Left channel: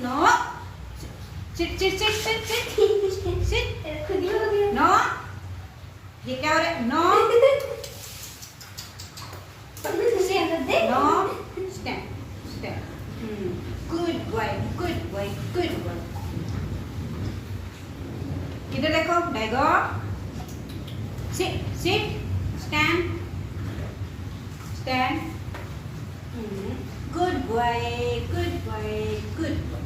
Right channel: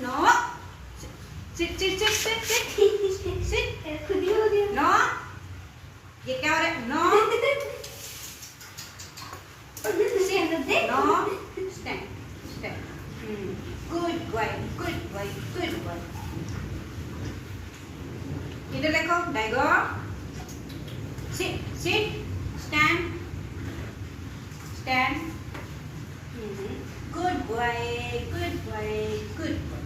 No. Sit, sit, sit, sit, sit. Sit. No. Get out. No. No. Stand. Stand. Good boy. Good boy. Good boy. Kita lekuk. Lekuk. Sit. Sit. Stand. Stand. Good boy. Good boy. Good boy.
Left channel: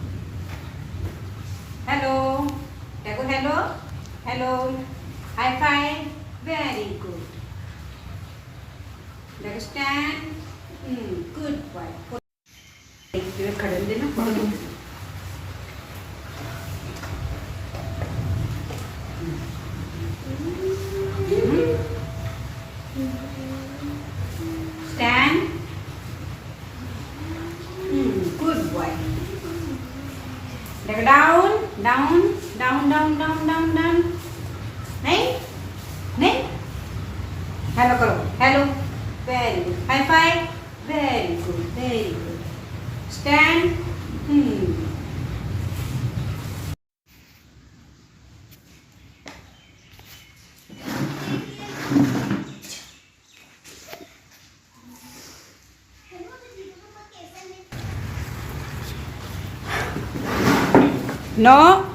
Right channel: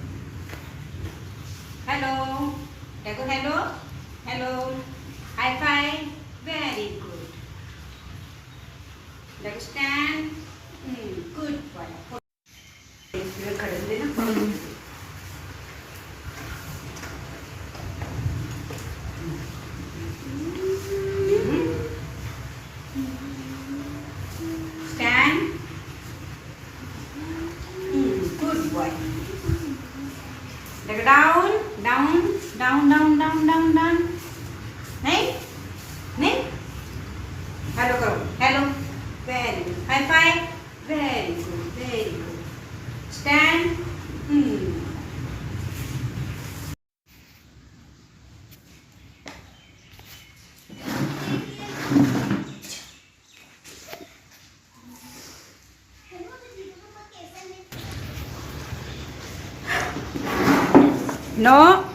Hello. Lekuk hello. Hello. High five. Very good. Lekuk stand. Good boy. इसमें खड़े देना stand. Good boy. Leg down, down, down, down, down, down, down. Hey, hey. Hello, karo. Hello. Very good. High five. Very good. Very good. Stand. No.